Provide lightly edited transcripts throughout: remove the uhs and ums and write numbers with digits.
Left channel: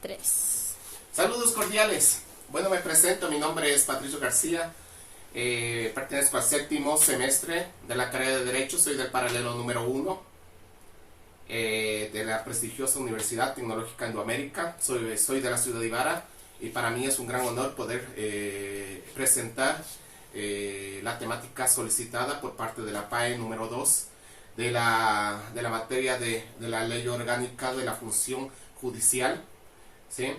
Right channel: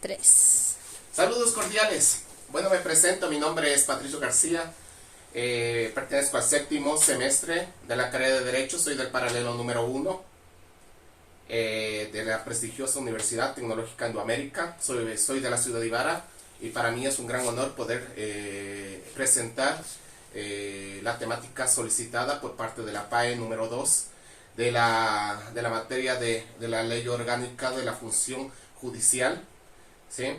3. Saludos cordiales. Bueno, me presento, mi nombre es Patricio García, pertenezco al séptimo semestre de la carrera de Derecho, soy del paralelo número 1 de la prestigiosa Universidad Tecnológica Indoamérica, soy de la ciudad de Ibarra y para mí es un gran honor poder presentar la temática solicitada por parte de la PAE número 2 de la materia de la ley orgánica de la función judicial, ¿sí?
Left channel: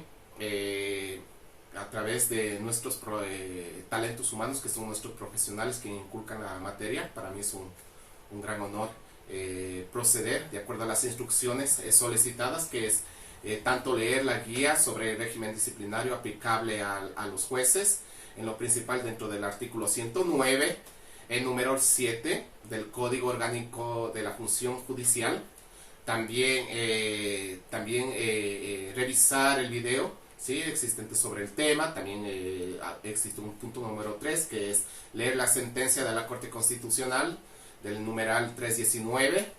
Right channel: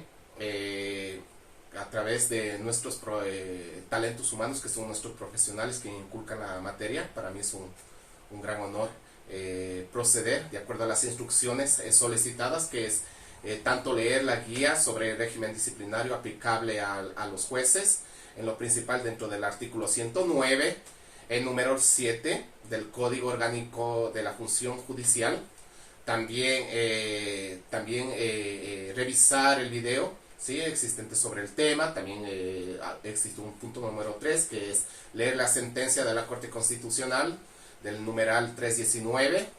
A través de nuestros talentos humanos, que son nuestros profesionales que inculcan la materia. Para mí es un gran honor proceder de acuerdo a las instrucciones solicitadas, que es tanto leer la guía sobre el régimen disciplinario aplicable a los jueces, en lo principal dentro del artículo 109, el número 7 del Código Orgánico de la Función Judicial. También revisar el video, ¿sí?, existente sobre el tema. También existe un punto número 3, que es leer la sentencia de la Corte Constitucional del numeral 319.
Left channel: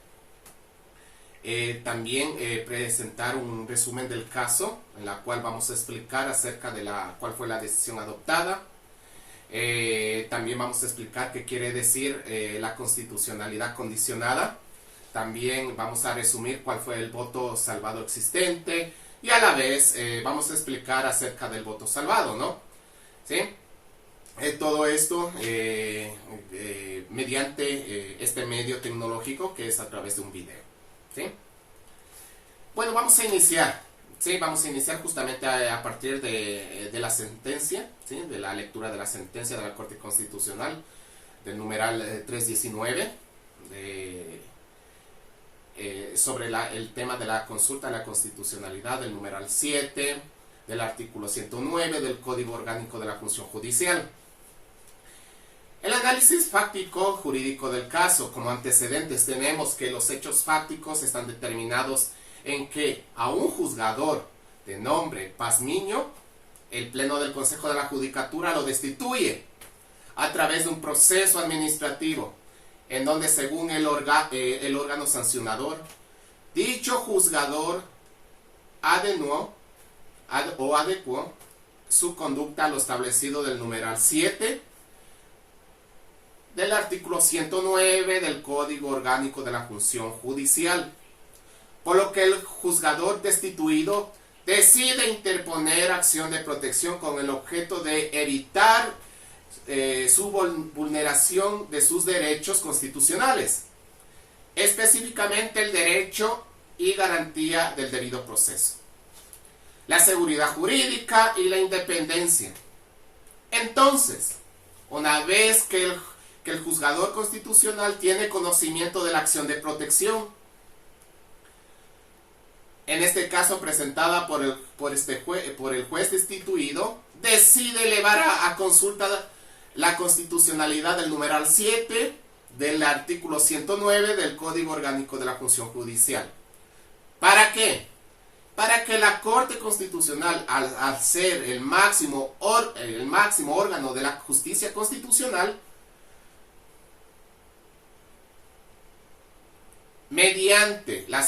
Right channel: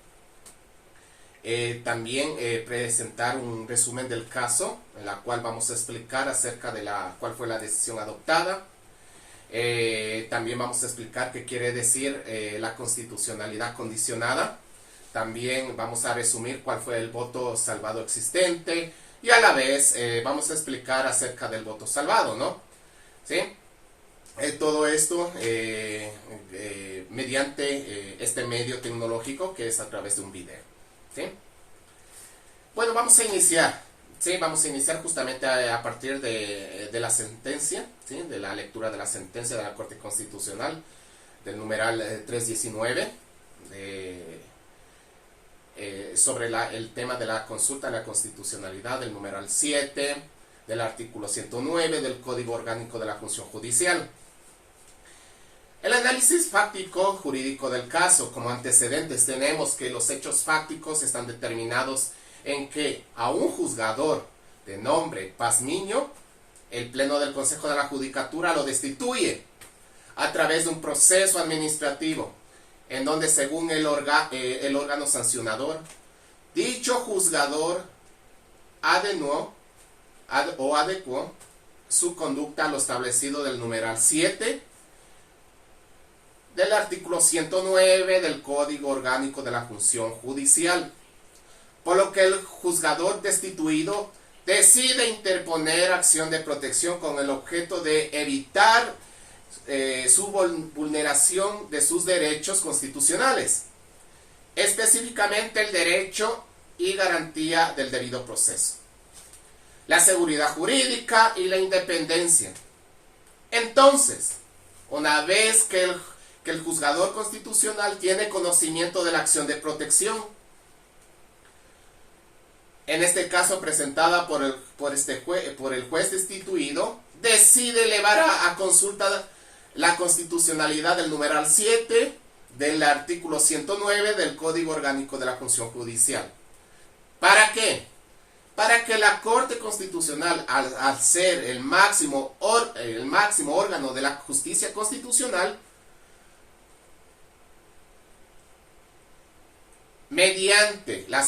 También presentar un resumen del caso, en la cual vamos a explicar acerca de cuál fue la decisión adoptada. También vamos a explicar qué quiere decir la constitucionalidad condicionada. También vamos a resumir cuál fue el voto salvado existente y a la vez vamos a explicar acerca del voto salvado, ¿no? ¿Sí? Todo esto mediante este medio tecnológico, que es a través de un video, ¿sí? Bueno, vamos a iniciar, ¿sí? Vamos a iniciar justamente a partir de la sentencia, ¿sí?, de la lectura de la sentencia de la Corte Constitucional del numeral 319 sobre el tema de la consulta a la constitucionalidad, del numeral 7 del artículo 109 del Código Orgánico de la Función Judicial. El análisis fáctico jurídico del caso. Como antecedentes tenemos que los hechos fácticos están determinados en que a un juzgador de nombre Pazmiño, el Pleno del Consejo de la Judicatura lo destituye a través de un proceso administrativo, en donde según el órgano sancionador, dicho juzgador adecuó su conducta a lo establecido del numeral 7 del artículo 109 del Código Orgánico de la Función Judicial, por lo que el juzgador destituido decide interponer acción de protección con el objeto de evitar su vulneración de sus derechos constitucionales, específicamente el derecho y garantía del debido proceso, la seguridad jurídica y la independencia. Entonces, una vez que el juzgador constitucional tiene conocimiento de la acción de protección, en este caso presentada por el juez destituido, decide elevar a consulta la constitucionalidad del numeral 7 del artículo 109 del Código Orgánico de la Función Judicial. ¿Para qué? Para que la Corte Constitucional, al ser el máximo órgano de la justicia constitucional, mediante una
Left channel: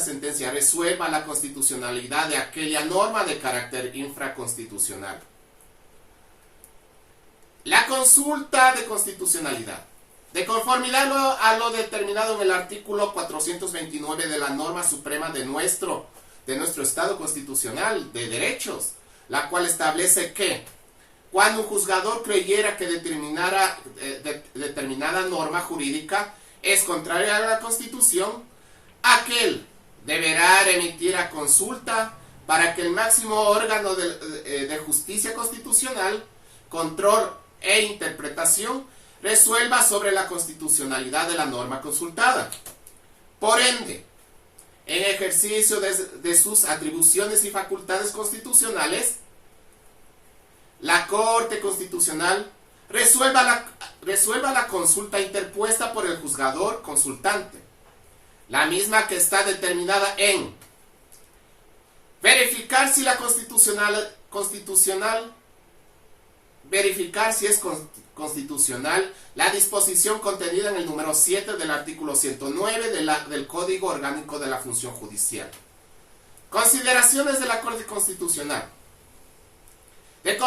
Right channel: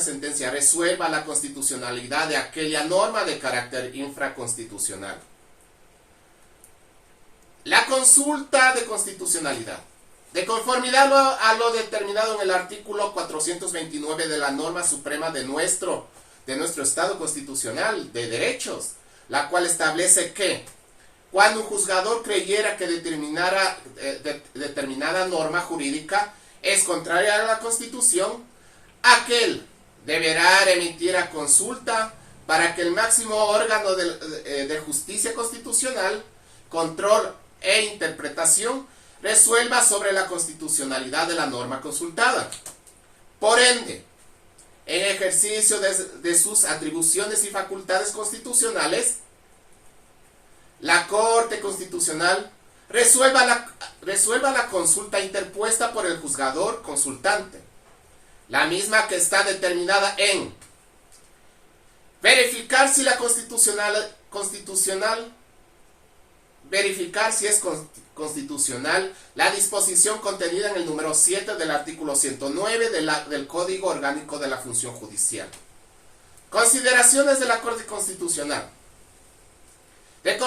sentencia, resuelva la constitucionalidad de aquella norma de carácter infraconstitucional. La consulta de constitucionalidad. De conformidad a lo determinado en el artículo 429 de la norma suprema de nuestro Estado constitucional de derechos, la cual establece que cuando un juzgador creyera que determinada norma jurídica es contraria a la Constitución, aquel deberá remitir a consulta para que el máximo órgano de justicia constitucional, control e interpretación resuelva sobre la constitucionalidad de la norma consultada. Por ende, en ejercicio de sus atribuciones y facultades constitucionales, la Corte Constitucional resuelva la consulta interpuesta por el juzgador consultante, la misma que está determinada en verificar si es constitucional la disposición contenida en el número 7 del artículo 109 del Código Orgánico de la Función Judicial. Consideraciones de la Corte Constitucional. De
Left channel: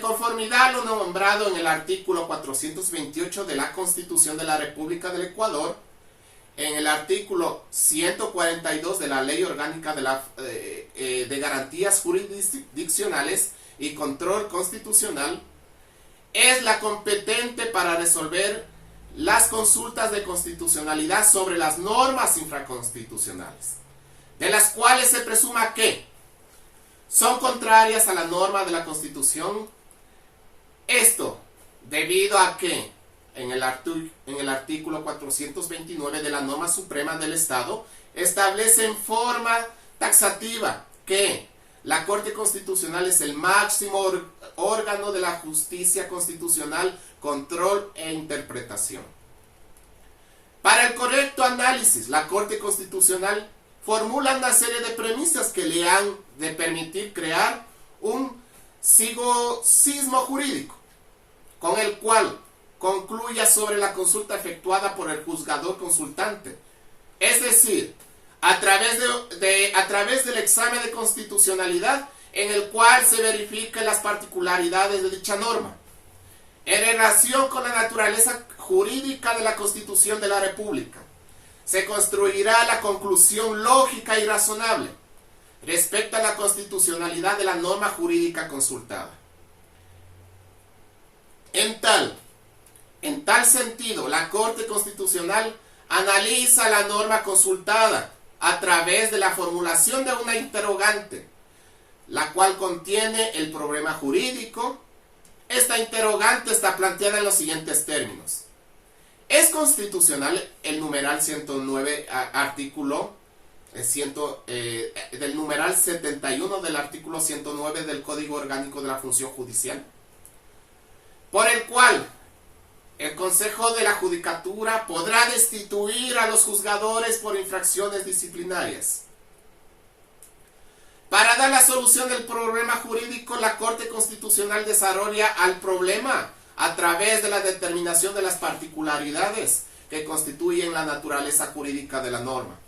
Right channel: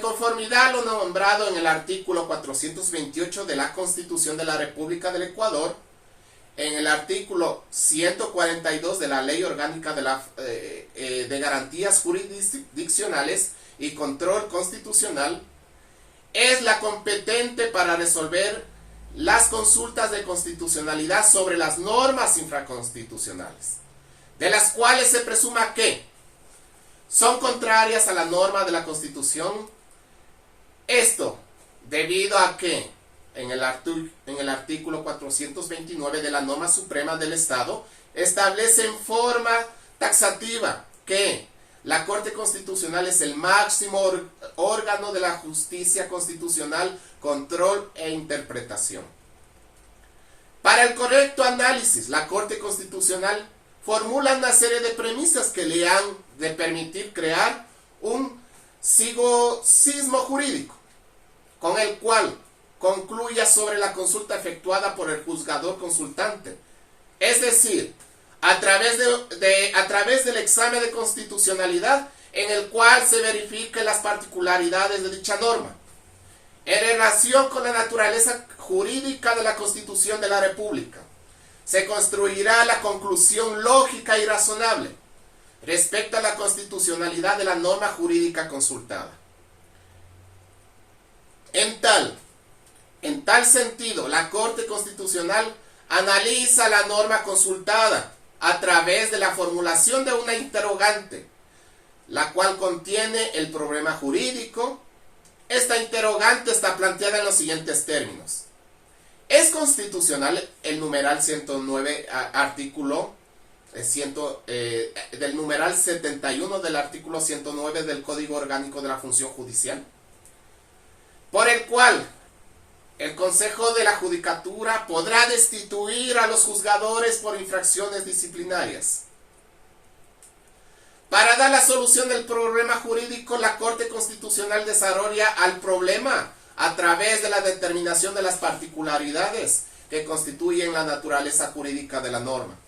conformidad a lo nombrado en el artículo 428 de la Constitución de la República del Ecuador, en el artículo 142 de la Ley Orgánica de Garantías Jurisdiccionales y Control Constitucional, es la competente para resolver las consultas de constitucionalidad sobre las normas infraconstitucionales, de las cuales se presuma que son contrarias a la norma de la Constitución. Esto debido a que en el artículo 429 de la norma suprema del Estado establece en forma taxativa que la Corte Constitucional es el máximo órgano de la justicia constitucional, control e interpretación. Para el correcto análisis, la Corte Constitucional formula una serie de premisas que le han de permitir crear un sismo jurídico, con el cual concluya sobre la consulta efectuada por el juzgador consultante, es decir, a través del examen de constitucionalidad en el cual se verifiquen las particularidades de dicha norma, en relación con la naturaleza jurídica de la Constitución de la República. Se construirá la conclusión lógica y razonable respecto a la constitucionalidad de la norma jurídica consultada. En tal sentido, la Corte Constitucional analiza la norma consultada a través de la formulación de una interrogante, la cual contiene el problema jurídico. Esta interrogante está planteada en los siguientes términos. ¿Es constitucional el numeral 109, artículo del numeral 71 del artículo 109 del Código Orgánico de la Función Judicial, por el cual el Consejo de la Judicatura podrá destituir a los juzgadores por infracciones disciplinarias? Para dar la solución del problema jurídico, la Corte Constitucional desarrolla al problema a través de la determinación de las particularidades que constituyen la naturaleza jurídica de la norma.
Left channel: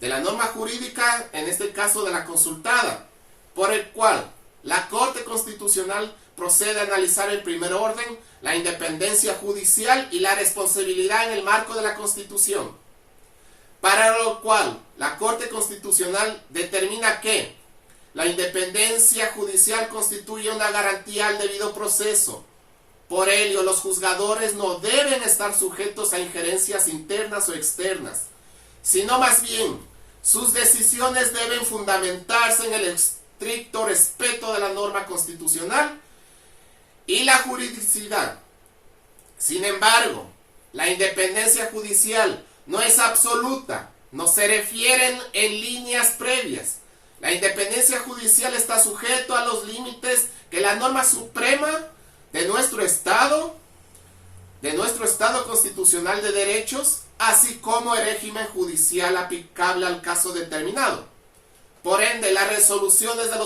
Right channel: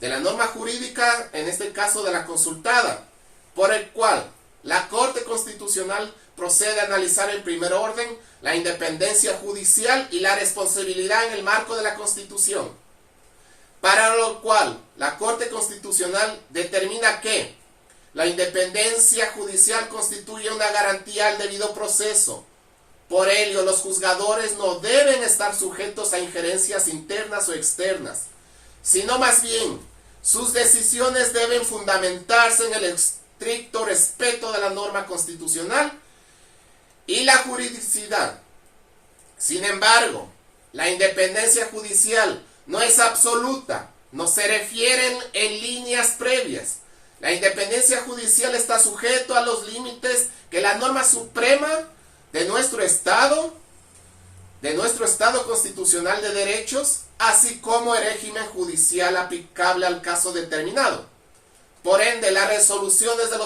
De la norma jurídica, en este caso de la consultada, por el cual la Corte Constitucional procede a analizar en primer orden la independencia judicial y la responsabilidad en el marco de la Constitución. Para lo cual, la Corte Constitucional determina que la independencia judicial constituye una garantía al debido proceso. Por ello, los juzgadores no deben estar sujetos a injerencias internas o externas, sino más bien, sus decisiones deben fundamentarse en el estricto respeto de la norma constitucional y la juridicidad. Sin embargo, la independencia judicial no es absoluta, no se refieren en líneas previas. La independencia judicial está sujeto a los límites que la norma suprema de nuestro Estado constitucional de derechos, así como el régimen judicial aplicable al caso determinado. Por ende, las resoluciones de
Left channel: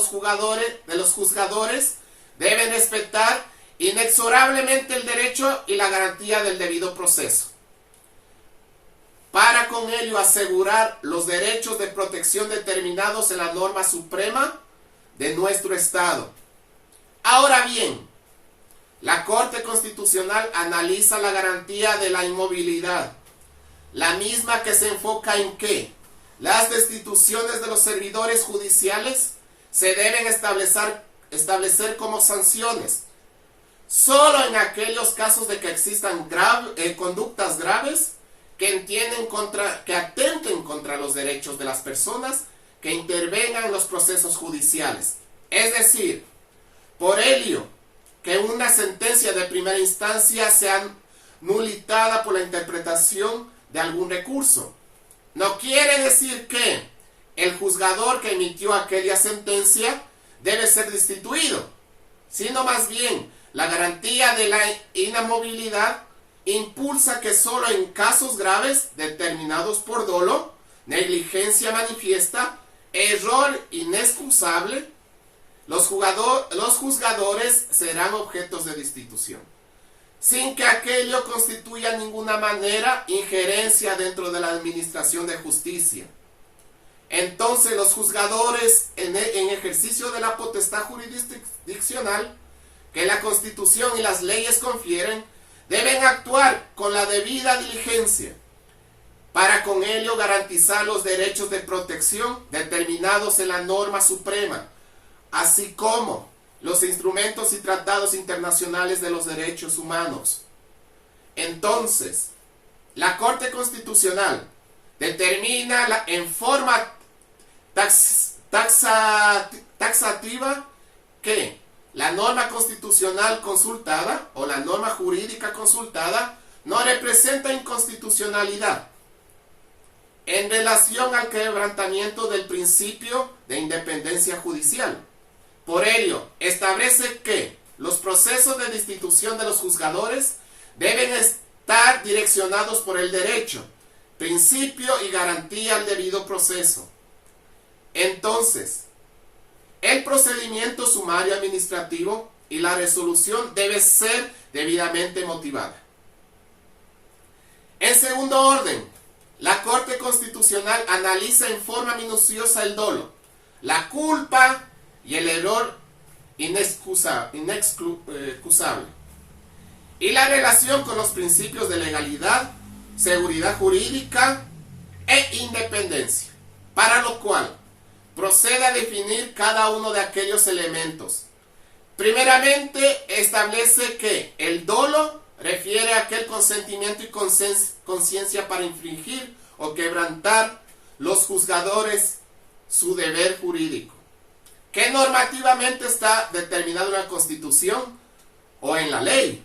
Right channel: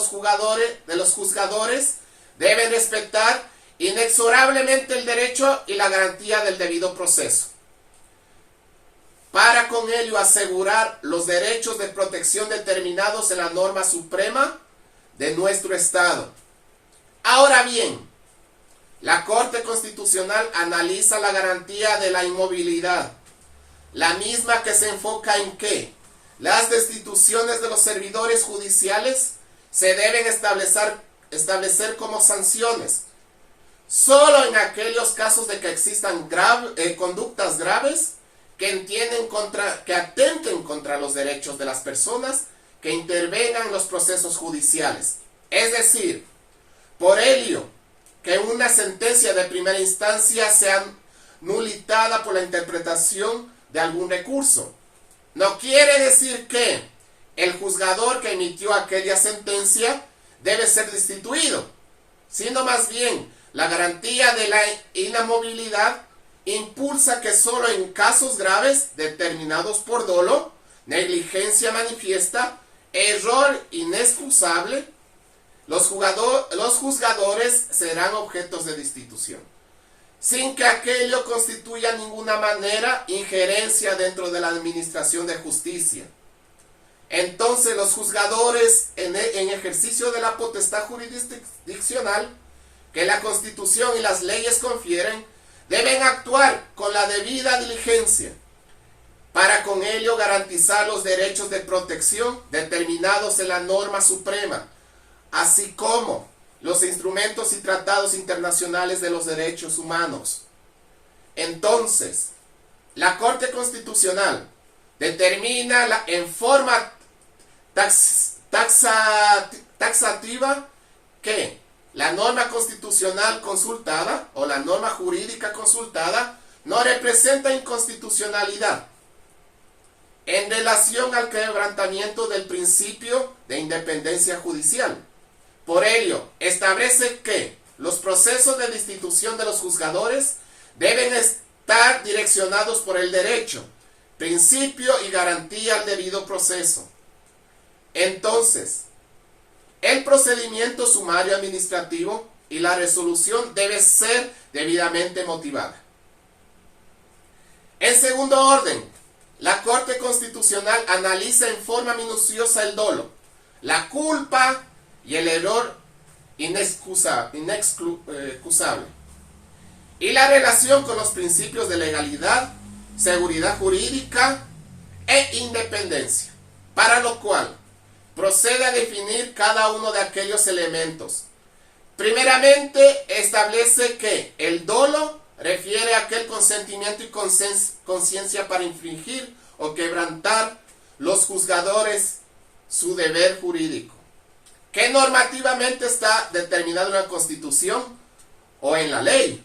los juzgadores deben respetar inexorablemente el derecho y la garantía del debido proceso, para con ello asegurar los derechos de protección determinados en la norma suprema de nuestro Estado. Ahora bien, la Corte Constitucional analiza la garantía de la inmovilidad, la misma que se enfoca en que las destituciones de los servidores judiciales se deben establecer como sanciones solo en aquellos casos de que existan conductas graves que atenten contra los derechos de las personas que intervengan en los procesos judiciales. Es decir, por ello, que una sentencia de primera instancia sea nulitada por la interpretación de algún recurso. No quiere decir que el juzgador que emitió aquella sentencia debe ser destituido, sino más bien la garantía de la inamovilidad impulsa que solo en casos graves determinados por dolo, negligencia manifiesta, error inexcusable, los juzgadores serán objetos de destitución, sin que aquello constituya de ninguna manera injerencia dentro de la administración de justicia. entonces los juzgadores en ejercicio de la potestad jurisdiccional que la Constitución y las leyes confieren, deben actuar con la debida diligencia para con ello garantizar los derechos de protección determinados en la norma suprema, así como los instrumentos y tratados internacionales de los derechos humanos. Entonces, la Corte Constitucional determina en forma taxativa que la norma constitucional consultada o la norma jurídica consultada no representa inconstitucionalidad en relación al quebrantamiento del principio de independencia judicial. Por ello, establece que los procesos de destitución de los juzgadores deben estar direccionados por el derecho, principio y garantía al debido proceso. Entonces, el procedimiento sumario administrativo y la resolución debe ser debidamente motivada. En segundo orden, la Corte Constitucional analiza en forma minuciosa el dolo, la culpa y el error inexcusable, y la relación con los principios de legalidad, seguridad jurídica e independencia, para lo cual procede a definir cada uno de aquellos elementos. Primeramente, establece que el dolo refiere a aquel consentimiento y conciencia para infringir o quebrantar los juzgadores su deber jurídico, que normativamente está determinado en la Constitución o en la ley.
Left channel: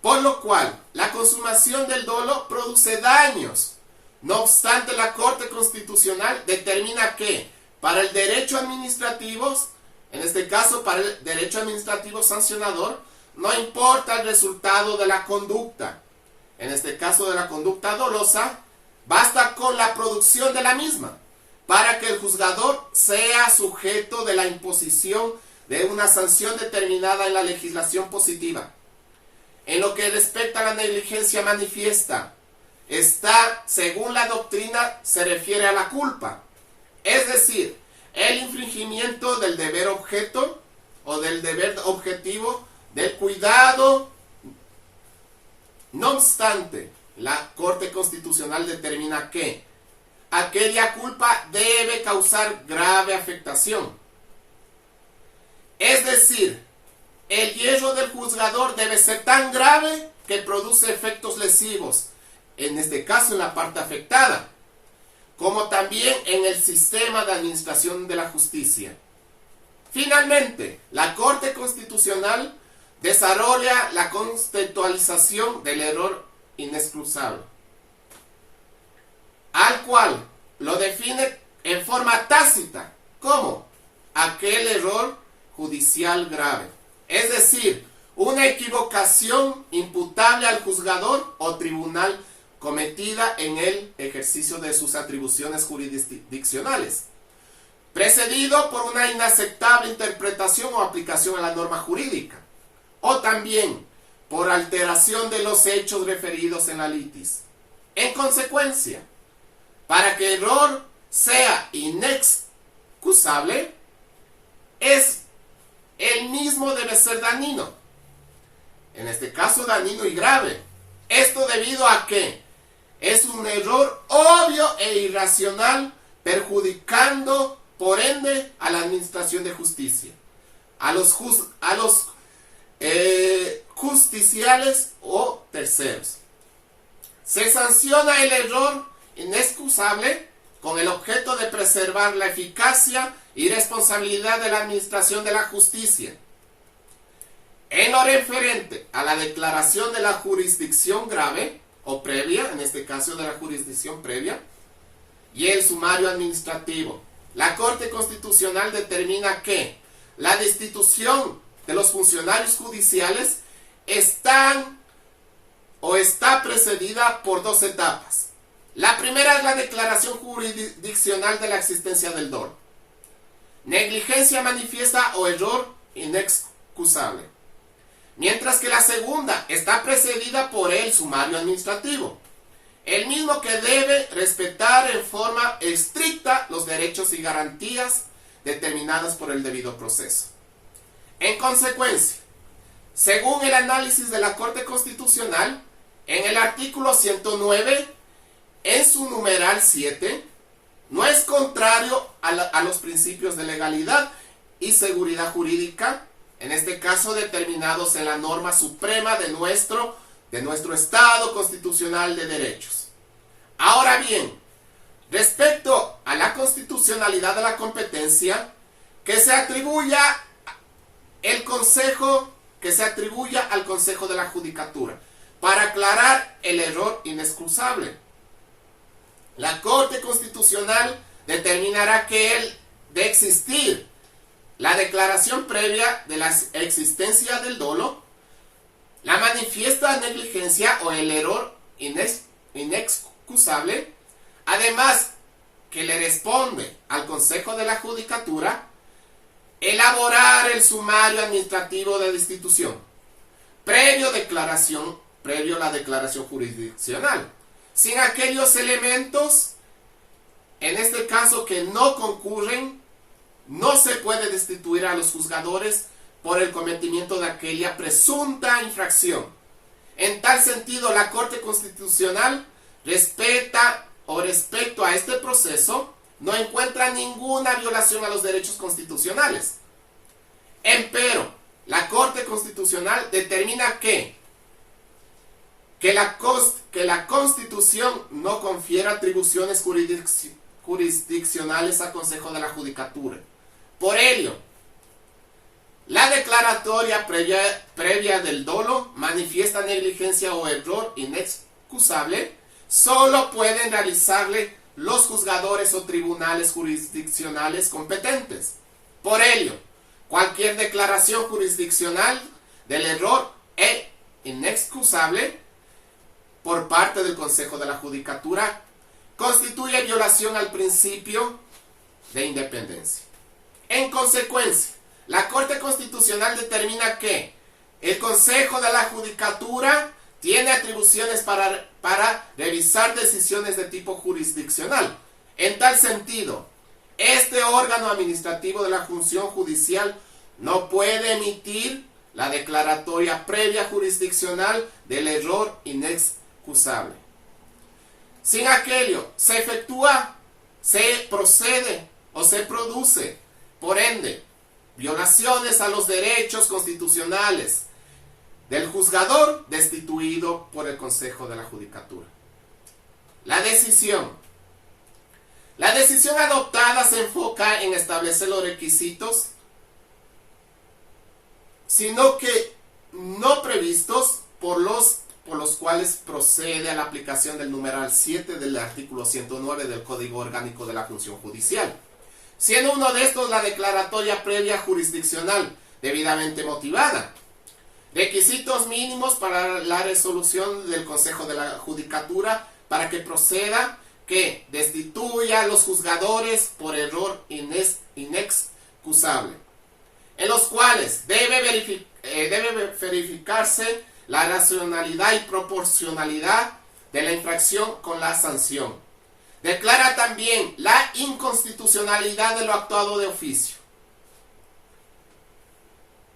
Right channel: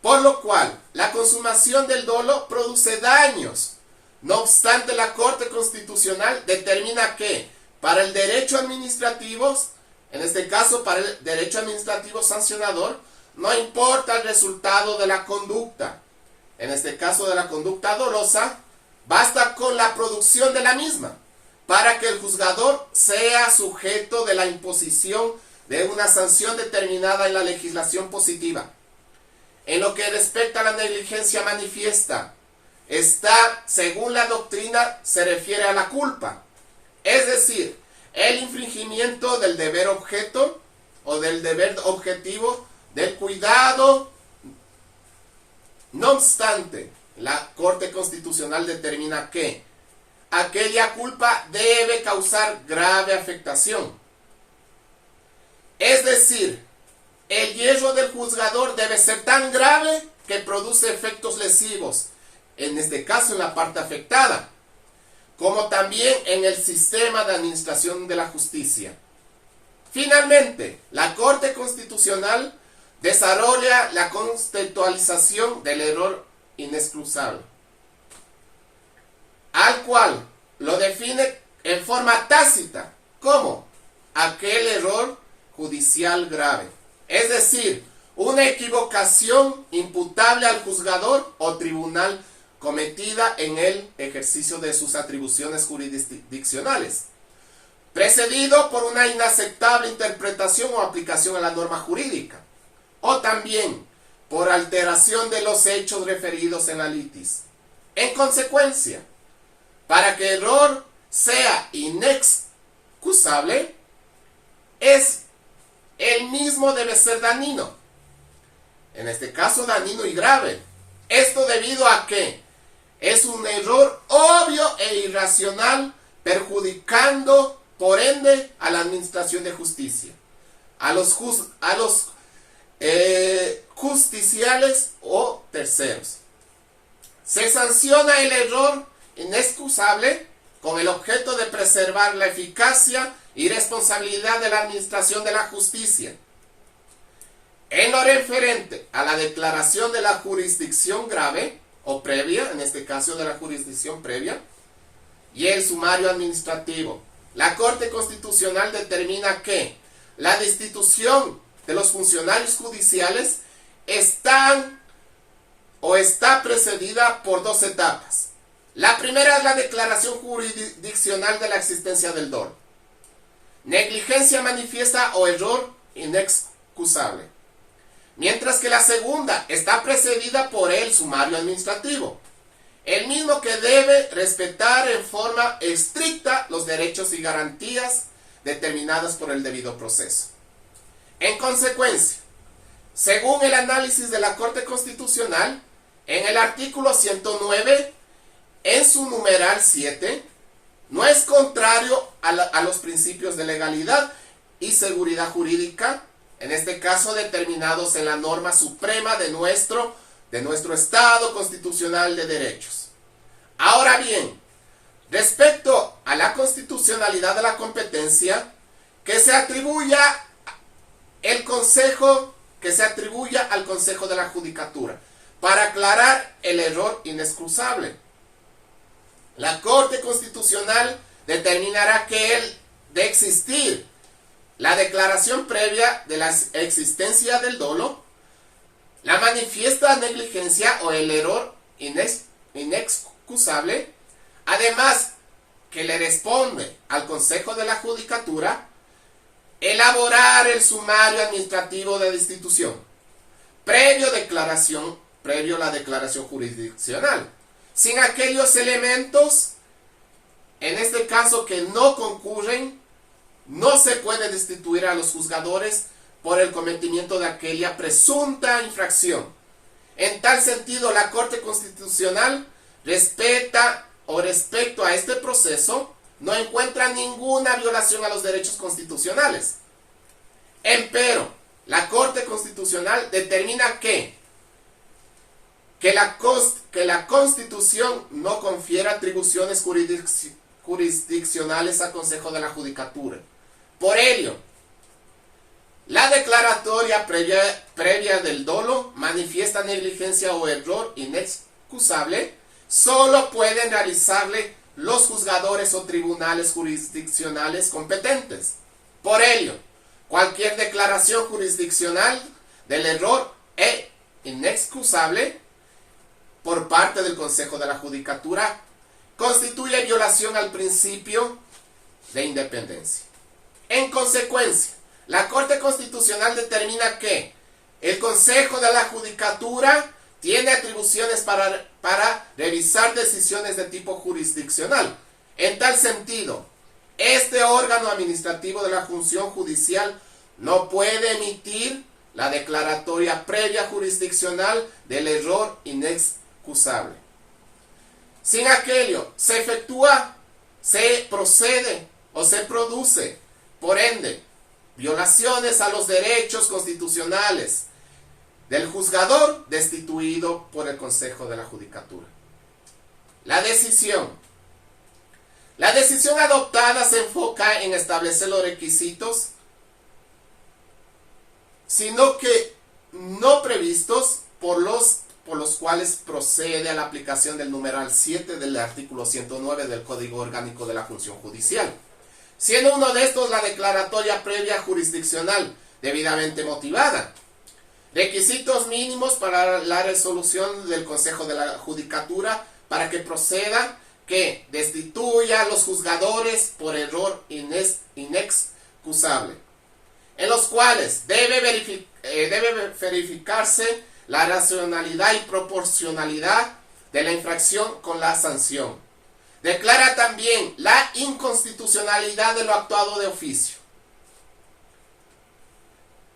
Por lo cual, la consumación del dolo produce daños. No obstante, la Corte Constitucional determina que para el derecho administrativo, en este caso para el derecho administrativo sancionador, no importa el resultado de la conducta. En este caso de la conducta dolosa, basta con la producción de la misma para que el juzgador sea sujeto de la imposición de una sanción determinada en la legislación positiva. En lo que respecta a la negligencia manifiesta, esta, según la doctrina, se refiere a la culpa, es decir, el infringimiento del deber objeto o del deber objetivo del cuidado. No obstante, la Corte Constitucional determina que aquella culpa debe causar grave afectación. Es decir, el hierro del juzgador debe ser tan grave que produce efectos lesivos, en este caso en la parte afectada, como también en el sistema de administración de la justicia. Finalmente, la Corte Constitucional desarrolla la conceptualización del error inexcusable, al cual lo define en forma tácita como aquel error judicial grave, es decir, una equivocación imputable al juzgador o tribunal cometida en el ejercicio de sus atribuciones jurisdiccionales, precedido por una inaceptable interpretación o aplicación a la norma jurídica, o también por alteración de los hechos referidos en la litis. En consecuencia, para que el error sea inexcusable, el mismo debe ser dañino, en este caso dañino y grave. Esto debido a que es un error obvio e irracional, perjudicando por ende a la administración de justicia, a los justiciales o terceros. Se sanciona el error inexcusable con el objeto de preservar la eficacia y responsabilidad de la administración de la justicia. En lo referente a la declaración de la jurisdicción grave o previa, en este caso de la jurisdicción previa, y el sumario administrativo, la Corte Constitucional determina que la destitución de los funcionarios judiciales está precedida por dos etapas. La primera es la declaración jurisdiccional de la existencia del dolo, negligencia manifiesta o error inexcusable, mientras que la segunda está precedida por el sumario administrativo, el mismo que debe respetar en forma estricta los derechos y garantías determinadas por el debido proceso. En consecuencia, según el análisis de la Corte Constitucional, en el artículo 109, en su numeral 7, no es contrario a los principios de legalidad y seguridad jurídica, en este caso determinados en la norma suprema de nuestro Estado constitucional de derechos. Ahora bien, respecto a la constitucionalidad de la competencia, que se atribuya al Consejo de la Judicatura, para aclarar el error inexcusable. La Corte Constitucional determinará que de existir la declaración previa de la existencia del dolo, la manifiesta negligencia o el error inexcusable, además que le responde al Consejo de la Judicatura elaborar el sumario administrativo de destitución, previo la declaración jurisdiccional, sin aquellos elementos, en este caso que no concurren, no se puede destituir a los juzgadores por el cometimiento de aquella presunta infracción. En tal sentido, la Corte Constitucional respecto a este proceso, no encuentra ninguna violación a los derechos constitucionales. Empero, la Corte Constitucional determina que la Constitución no confiere atribuciones jurisdiccionales al Consejo de la Judicatura. Por ello, la declaratoria previa del dolo manifiesta negligencia o error inexcusable, solo pueden realizarle los juzgadores o tribunales jurisdiccionales competentes. Por ello, cualquier declaración jurisdiccional del error inexcusable por parte del Consejo de la Judicatura constituye violación al principio de independencia. En consecuencia, la Corte Constitucional determina que el Consejo de la Judicatura tiene atribuciones para revisar decisiones de tipo jurisdiccional. En tal sentido, este órgano administrativo de la función judicial no puede emitir la declaratoria previa jurisdiccional del error inexcusable. Sin aquello, se procede o se produce, por ende, violaciones a los derechos constitucionales del juzgador destituido por el Consejo de la Judicatura. La decisión adoptada se enfoca en establecer los requisitos, sino que no previstos por los cuales procede a la aplicación del numeral 7 del artículo 109 del Código Orgánico de la Función Judicial, siendo uno de estos la declaratoria previa jurisdiccional debidamente motivada. Requisitos mínimos para la resolución del Consejo de la Judicatura para que proceda que destituya a los juzgadores por error inexcusable, en los cuales debe verificarse la racionalidad y proporcionalidad de la infracción con la sanción. Declara también la inconstitucionalidad de lo actuado de oficio.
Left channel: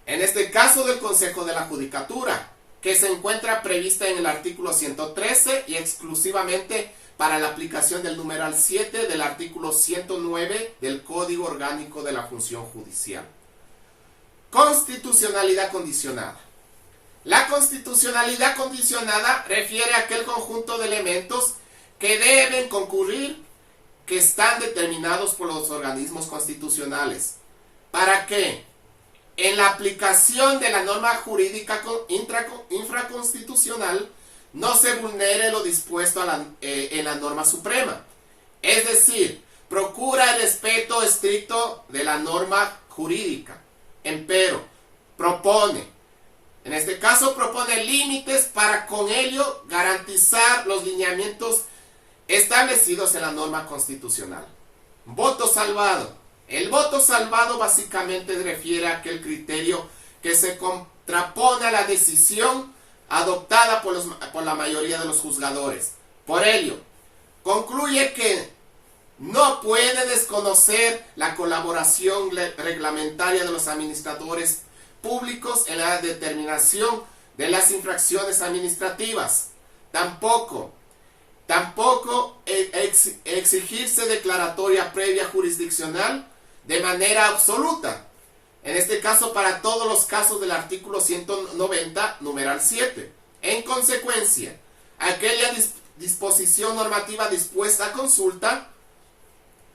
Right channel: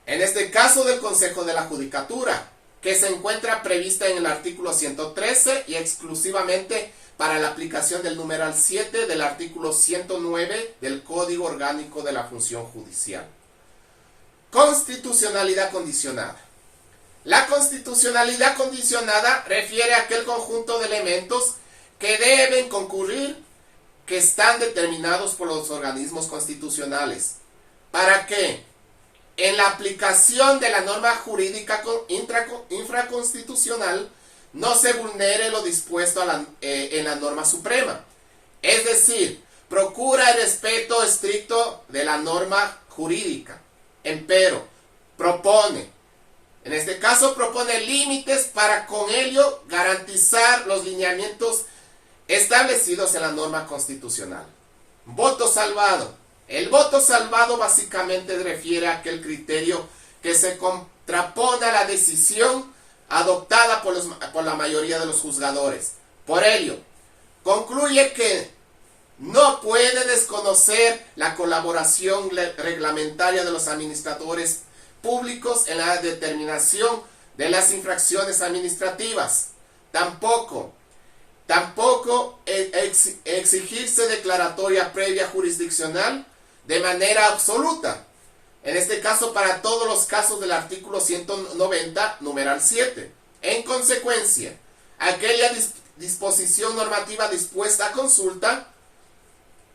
En este caso del Consejo de la Judicatura, que se encuentra prevista en el artículo 113 y exclusivamente para la aplicación del numeral 7 del artículo 109 del Código Orgánico de la Función Judicial. Constitucionalidad condicionada. La constitucionalidad condicionada refiere a aquel conjunto de elementos que deben concurrir, que están determinados por los organismos constitucionales, para que en la aplicación de la norma jurídica infraconstitucional no se vulnere lo dispuesto en la norma suprema. Es decir, procura el respeto estricto de la norma jurídica. Empero, en este caso propone límites para con ello garantizar los lineamientos establecidos en la norma constitucional. Voto salvado. El voto salvado básicamente refiere a aquel criterio que se contrapone a la decisión adoptada por la mayoría de los juzgadores Por ello, concluye que no puede desconocer la colaboración reglamentaria de los administradores públicos en la determinación de las infracciones administrativas. Tampoco exigirse declaratoria previa jurisdiccional de manera absoluta. En este caso, para todos los casos del artículo 190, numeral 7. En consecuencia, aquella disposición normativa dispuesta a consulta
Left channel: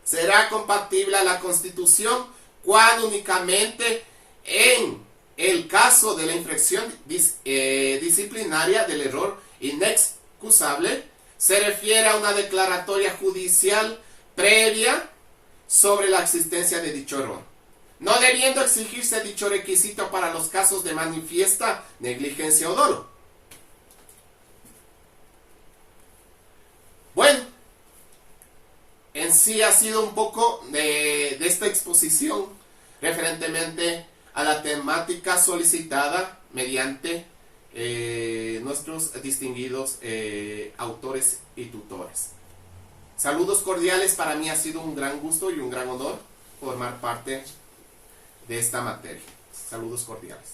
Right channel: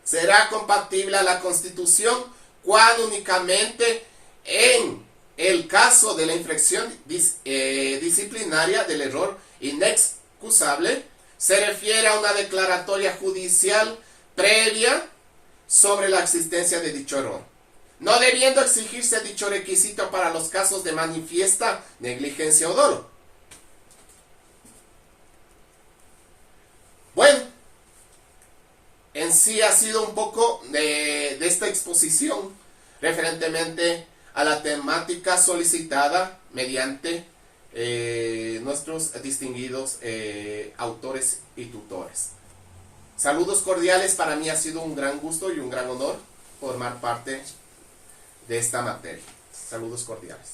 será compatible a la Constitución cuando únicamente en el caso de la infracción disciplinaria del error inexcusable se refiere a una declaratoria judicial previa sobre la existencia de dicho error, no debiendo exigirse dicho requisito para los casos de manifiesta negligencia o dolo. Bueno, en sí ha sido un poco de esta exposición referentemente a la temática solicitada mediante nuestros distinguidos autores y tutores. Saludos cordiales, para mí ha sido un gran gusto y un gran honor formar parte de esta materia. Saludos cordiales.